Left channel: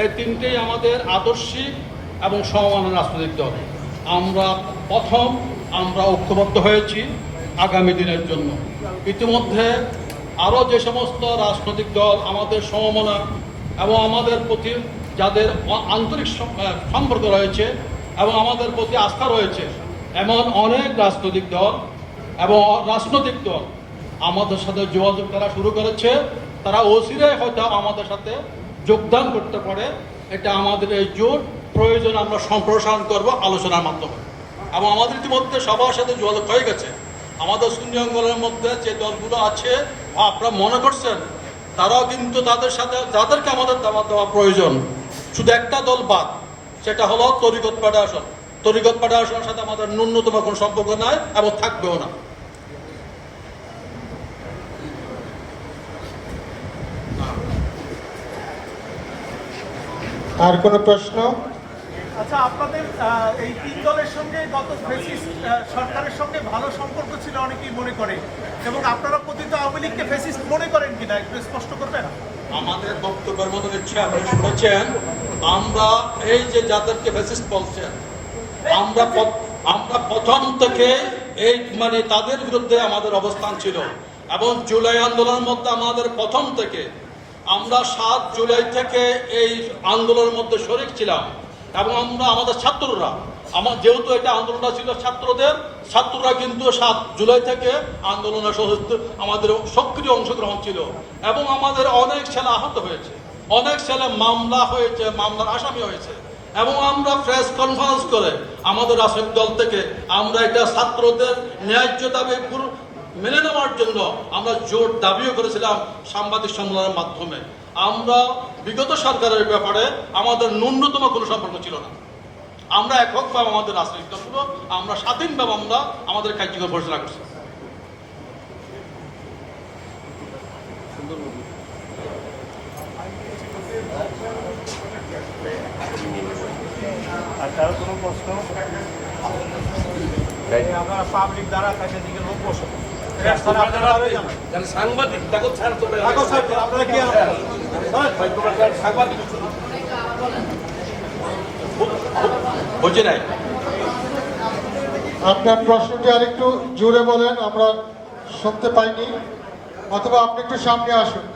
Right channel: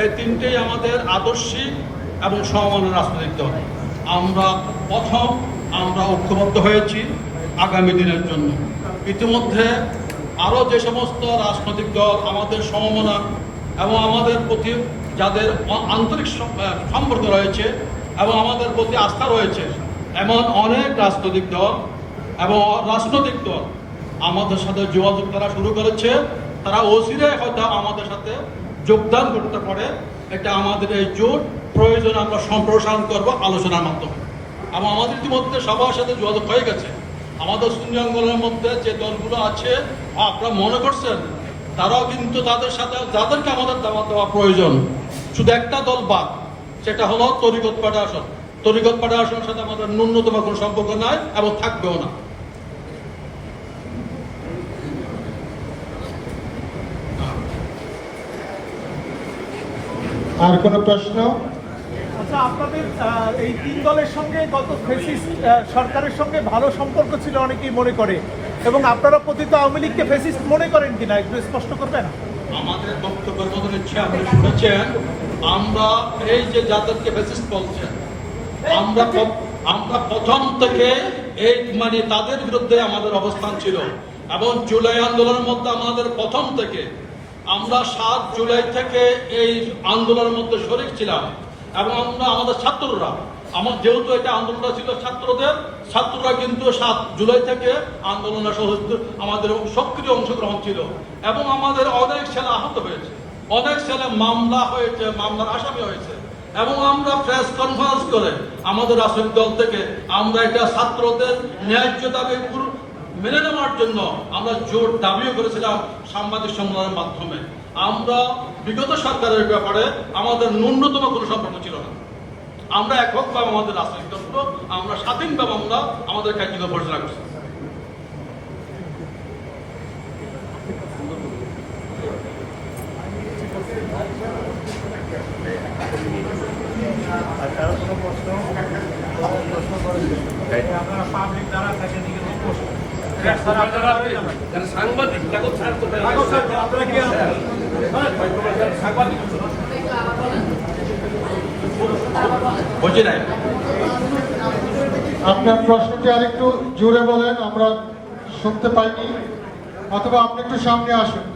এই তিনটেই আমাদের আদর্শিক এবং সমান রাজনৈতিক দল। আমরা ঐক্যবদ্ধ হয়েছি আগামী দিনের জন্য। ইতিমধ্যে আরও যে সমস্ত রাজনৈতিক দল আমাদের সমমনা এবং আমাদের প্রতি যাদের আন্তরিক সম্পর্ক রয়েছে এবং আমাদের প্রতি আস্থা রয়েছে, এমন অনেক রাজনৈতিক দল আমাদের সাথে যোগাযোগ করা শুরু করেছে। তারা অচিরে হয়তো আমাদের সাথে যোগদান করতে পারে। এটা আমাদের এই জোট প্রয়োজন আমরা সম্প্রসারণ করব আলোচনার মাধ্যমে। এবং আমাদের ইতিমধ্যে সবার সাথে যোগাযোগ হয়ে গেছে। আমাদের সুন্নি অঙ্গনের মধ্যে যে দলগুলো আছে আপনারা মনে করছেন, তারাও কিন্তু তাদের সাথে যাদেরকে আমাদের দাওয়াত দেওয়া প্রয়োজন, শুধু একটা দল বাদ, সেটা হলো তরিকত ফেডারেশন। তরিকত ফেডারেশনের সাথে আমাদের ন্যূনতম কোনো সম্পর্ক নাই এবং থাকবেও না। আর কোনো প্রশ্ন? আচ্ছা, আপনাদের এই তিন দলের সঙ্গে গত ফ্যাসিস্ট সরকারের সঙ্গে ভালো সম্পর্ক ছিল অনেকেই মনে করে, এবং আপনারা পতিত আওয়ামী লীগকে ফ্যাসিস্ট মনে করেন কিনা একটু স্পষ্ট করবেন? আমাদের বক্তব্যের মধ্যে শুনেছেন, আমরা এই যে যাদেরকে ফ্যাসিস্ট বলছেন, আমরা প্রথম থেকে এই তাদের বিরুদ্ধে আমাদের অবস্থান ছিল। এবং জুলাই আন্দোলনের মধ্যে আমাদের প্রথম থেকে আমরা 7 জুলাই থেকে এই আন্দোলনের মধ্যে শরীক ছিলাম। এবং আমাদের ছাত্ররা, যেহেতু এটা আন্দোলনটা ছিল ছাত্ররা কিন্তু 7 জুলাই থেকে আন্দোলনের আমাদের সক্রিয় অংশগ্রহণ ছিল। এবং আমাদের অনেক ছেলে আহত হয়েছে, অনেক ছেলে মামলার আসামি হয়েছে। এবং আমরা প্রেস কনফারেন্স করে আমাদের রাজনৈতিক দল থেকে আমরা এটা ছাত্রদের ন্যায্য দাবি মেনে নেওয়ার জন্য আমরা জোর দাবিও করেছিলাম সাংবাদিক সম্মেলনের মাধ্যমে। আমরা বিগত সরকারের ব্যাপারে আমাদের ন্যূনতম কোনো সম্পর্ক ছিল না। আমরা এককভাবে আমাদের রাজনৈতিক দল, আমরা স্বাধীনভাবে আমরা আমাদের কার্যক্রম ঘোষণা করছি। কোনো প্রশ্ন পাবলিক যারা থাকেন সাংবাদিক আপনার প্রশ্নটি আরেকটু জোরে বলেন, আমরা শুনতে পাইনি, অথবা আপনি একটু সামনে আসুন।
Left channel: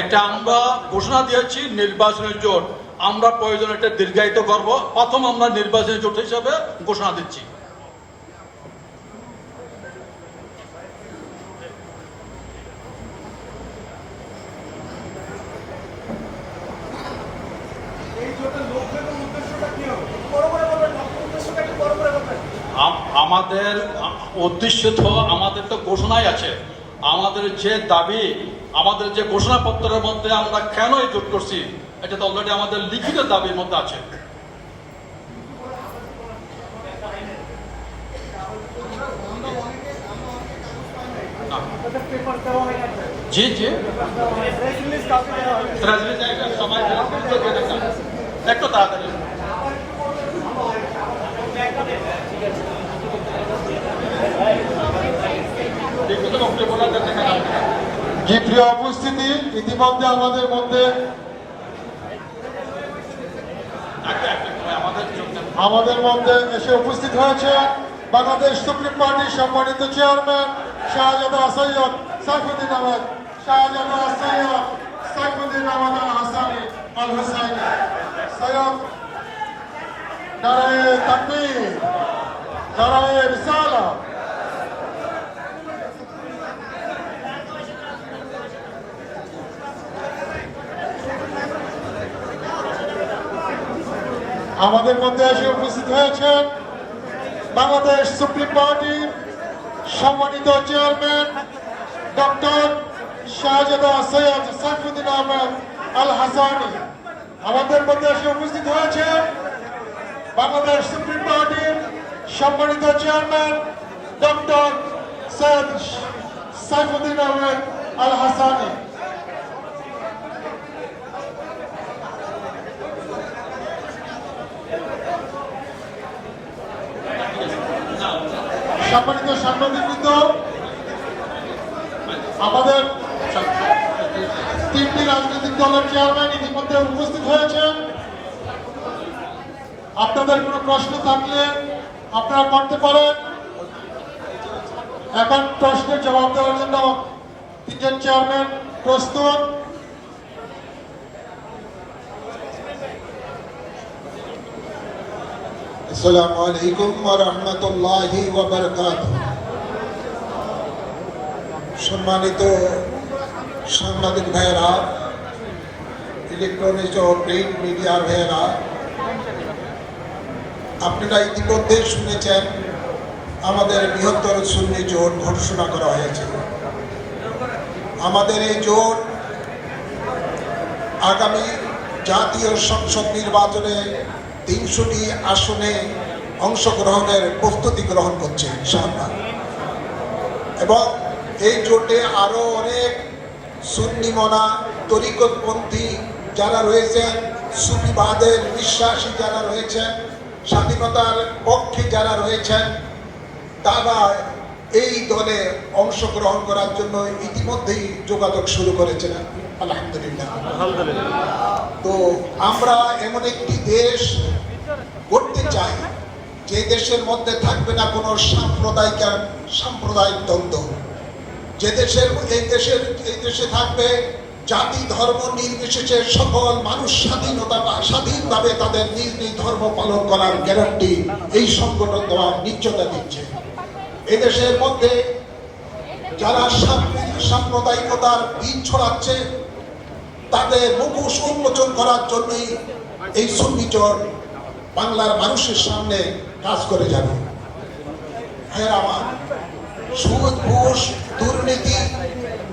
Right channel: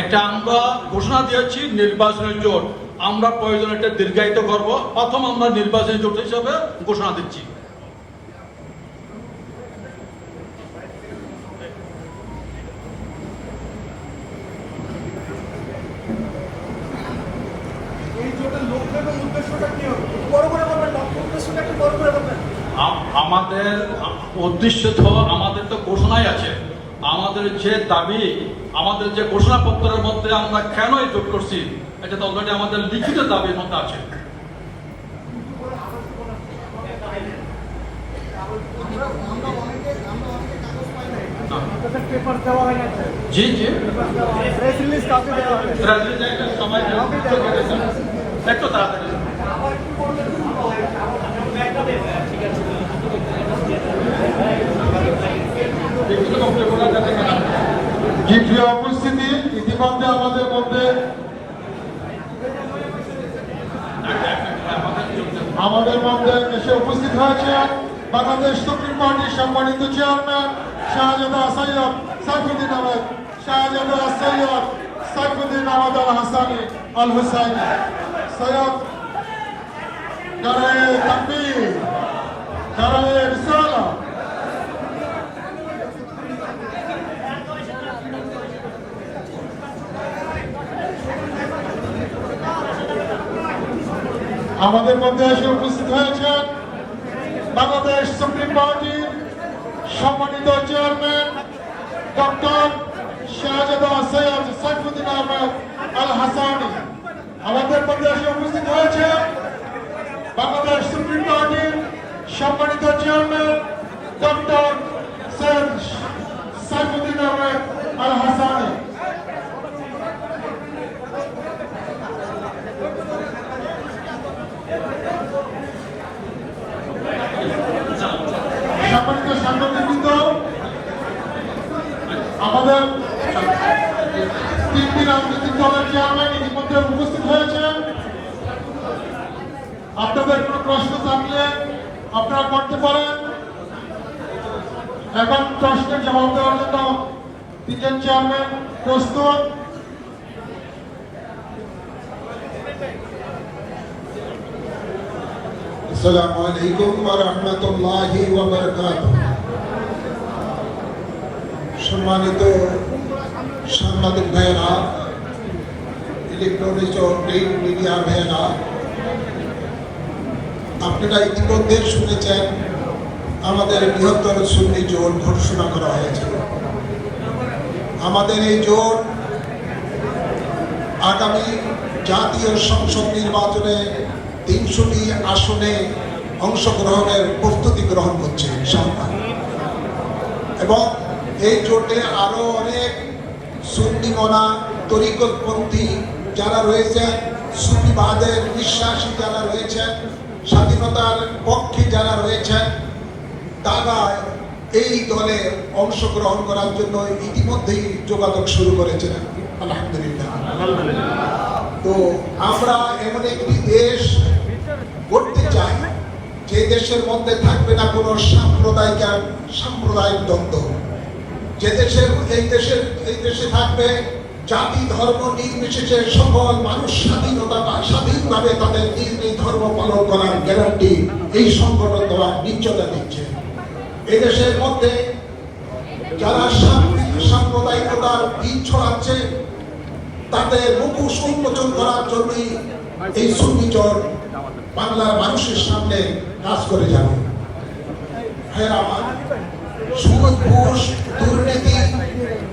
এটা আমরা ঘোষণা দিয়েছি নির্বাচনী জোট। আমরা প্রয়োজন একটা দীর্ঘায়িত করব। প্রথম আমরা নির্বাচনী জোট হিসেবে ঘোষণা দিচ্ছি। আমাদের উদ্দেশ্য তো আমাদের তো ঘোষণাই আছে। আমাদের যে দাবি, আমাদের যে ঘোষণাপত্রের মধ্যে আমরা কেন এই জোট করছি, এটা তো অলরেডি আমাদের লিখিত দাবির মধ্যে আছে। জি জি, সবাই একটু তাড়াতাড়ি। প্রিয় উপস্থিতি, ইতিমধ্যে আমাদের মধ্যে এসে উপস্থিত হয়েছে বাংলাদেশ সুপ্রিম পার্টির সম্মানিত চেয়ারম্যান শাহজাদা সৈয়দ সাইফুদ্দিন আহমদ আল হাসানি আল হুসাইনি। সৈয়দ নারায়ে তাকবীর, নারায়ে রিসালাত। আমাদের মধ্যে এসে উপস্থিত হয়েছেন বাংলাদেশ সুপ্রিম পার্টির সম্মানিত চেয়ারম্যান ডক্টর শাহজাদা সৈয়দ সাইফুদ্দিন আহমদ আল হাসানি। আমাদের মধ্যে এসে উপস্থিত হয়েছে বাংলাদেশ সুপ্রিম পার্টির সম্মানিত চেয়ারম্যান ডক্টর সৈয়দ সাইফুদ্দিন আহমদ আল হাসানি। সম্মানিত সাংবাদিকবৃন্দ, প্রশ্ন থাকলে আপনারা করতে পারেন। এখন প্রশ্নের জবাব দেওয়ার জন্য তিনজন চেয়ারম্যান প্রস্তুত। আসসালামু আলাইকুম ওয়া রাহমাতুল্লাহি ওয়া বারাকাতুহু। সম্মানিত সাংবাদিক ভাইয়েরা, ইলেকট্রনিক ও প্রিন্ট মিডিয়া ভাইয়েরা, আপনারা ইতিমধ্যে শুনেছেন আমাদের বৃহত্তর সুন্নি জোট ঘোষণা করা হয়েছে। আমাদের এই জোট আগামী জাতীয় সংসদ নির্বাচনে ৩০০টি আসনে অংশগ্রহণের প্রস্তুতি গ্রহণ করছে ইনশাআল্লাহ। এবং এই জোটে আরো অনেক সুন্নি মনা তরিকতপন্থী যারা রয়েছেন, সুফিবাদের বিশ্বাসী যারা রয়েছেন, স্বাধীনতার পক্ষে যারা রয়েছেন, তারা এই দলে অংশগ্রহণ করার জন্য ইতিমধ্যেই যোগাযোগ শুরু করেছেন। আলহামদুলিল্লাহ। তো আমরা এমন একটি দেশ করতে চাই যে দেশের মধ্যে থাকবে না কোনো সাম্প্রদায়িক দ্বন্দ্ব, যে এই দেশে থাকবে জাতি ধর্ম নির্বিশেষে সকল মানুষ স্বাধীনভাবে তাদের নিজ নিজ ধর্ম পালন করার গ্যারান্টি এই সংগঠন দেওয়ার নিশ্চয়তা দিচ্ছে। এই দেশের মধ্যে যারা সাম্প্রদায়িকতার বীজ ছড়াচ্ছে তাদের মুখোশ উন্মোচন করার জন্যই এই সুন্নি জোট বাংলার মানুষের সামনে কাজ করে যাবে। আমার সুদ ঘুষ দুর্নীতি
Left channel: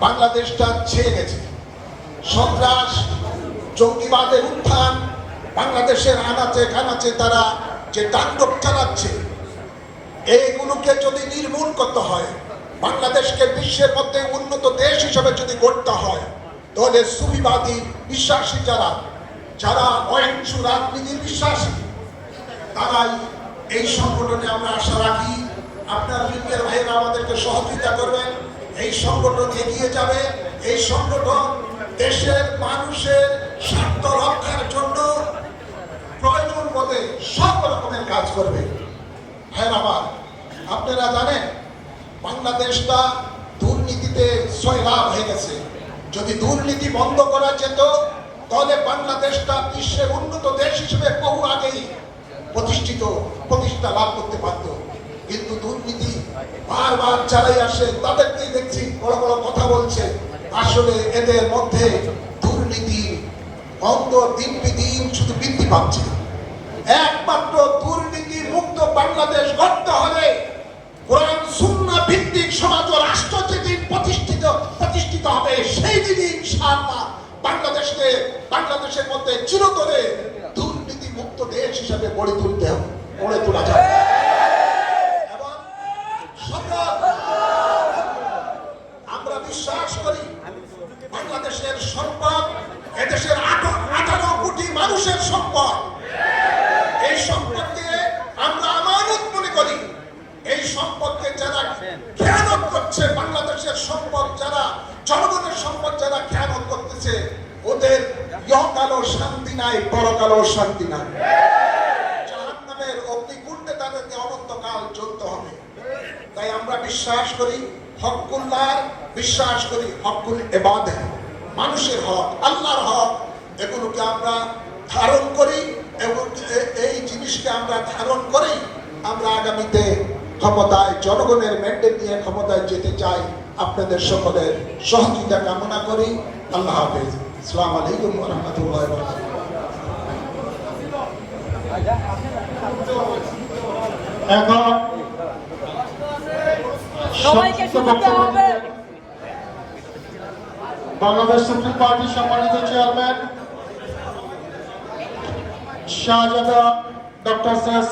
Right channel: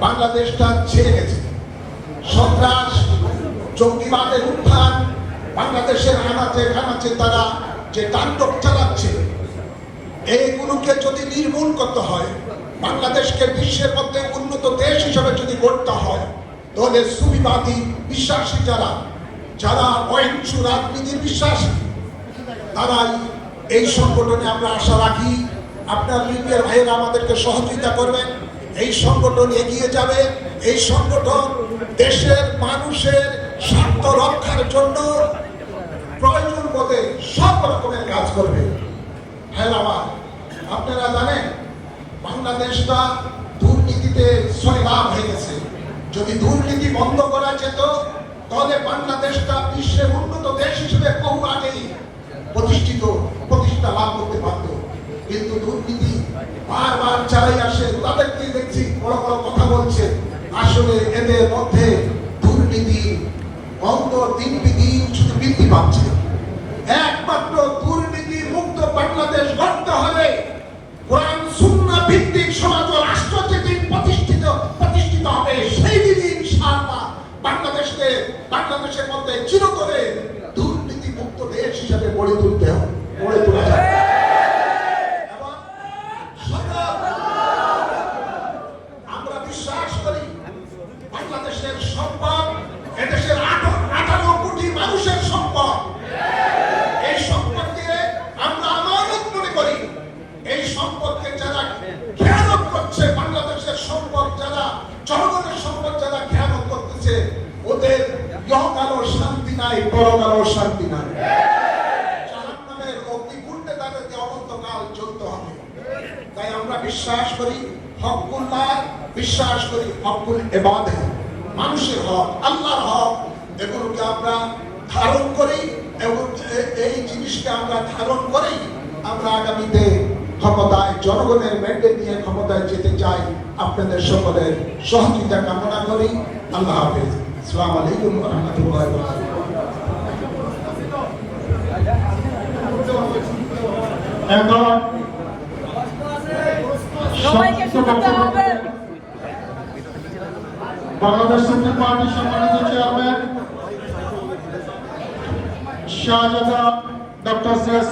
বাংলাদেশটা ছেড়ে গেছে। সন্ত্রাস জঙ্গিবাদের উত্থান বাংলাদেশের আনাচে কানাচে তারা যে তাণ্ডব চালাচ্ছে, এইগুলোকে যদি নির্মূল করতে হয়, বাংলাদেশকে বিশ্বের মধ্যে উন্নত দেশ হিসাবে যদি গড়তে হয়, তাহলে সুফিবাদী বিশ্বাসী যারা অহিংস রাজনীতির বিশ্বাসী, তারাই এই সংগঠনে আমরা আশা রাখি। আপনার লিগের ভাইয়েরা আমাদেরকে সহযোগিতা করবেন, এই সংগঠন এগিয়ে যাবে। এই সংগঠন দেশের মানুষের স্বার্থ রক্ষার জন্য প্রয়োজন বোধে সব রকমের কাজ করবে। ভাইয়েরা, আপনারা জানেন বাংলাদেশটা দুর্নীতিতে সয়লাভ হয়ে গেছে। যদি দুর্নীতি বন্ধ করা যেত তাহলে বাংলাদেশটা বিশ্বের উন্নত দেশ হিসেবে বহু আগেই প্রতিষ্ঠা লাভ করতে পারত। কিন্তু দুর্নীতি বারবার চালাই আসে, তাদেরকে দেখছি বড় বড় কথা বলছে, আসলে এদের মধ্যে দুর্নীতি গন্ধ দিন শুধু বৃদ্ধি পাচ্ছে। একমাত্র দুর্নীতি মুক্ত বাংলাদেশ গড়তে হলে কোরআন সুন্নাহ ভিত্তিক সমাজ ও রাষ্ট্র যেদিন প্রতিষ্ঠিত হবে, সেই দিনই ইনশাআল্লাহ বাংলাদেশের মধ্যে চিরতরে দুর্নীতি মুক্ত দেশ হিসাবে গড়ে তোলা যাবে। আমরা বিশ্বাস করি বাংলাদেশের সম্পদ এদেশের 18 কোটি মানুষের সম্পদ। এই সম্পদকে আমরা আমানত মনে করি। এই সম্পদকে যারা খেয়ানত করছে, বাংলাদেশের সম্পদ যারা, জনগণের সম্পদ যারা খেয়ানত করতেছে, ওদের ইহকালও শান্তি নাই, পরকালও শান্তি নাই। জাহান্নামের অগ্নিকুণ্ডে তাদেরকে অনন্তকাল চলতে হবে। তাই আমরা বিশ্বাস করি হকুল্লাহ, বিশ্বাস করি হকুল ইবাদত, মানুষের হক, আল্লাহর হক। এগুলোকে আমরা ধারণ করি এবং এই জিনিসকে আমরা ধারণ করেই আমরা আগামীতে ক্ষমতায়, জনগণের ম্যান্ডেট নিয়ে ক্ষমতায় যেতে চাই। আপনাদের সকলের সহযোগিতা কামনা করি। আল্লাহ হাফেজ। আসসালামু আলাইকুম ওয়া রাহমাতুল্লাহি ওয়া বারাকাতুহু। এখন সবাইকে শুনতে হবে। বাংলাদেশ সুপ্রিম পার্টির সম্মানিত চেয়ারম্যান শাহজাদা ডক্টর সৈয়দ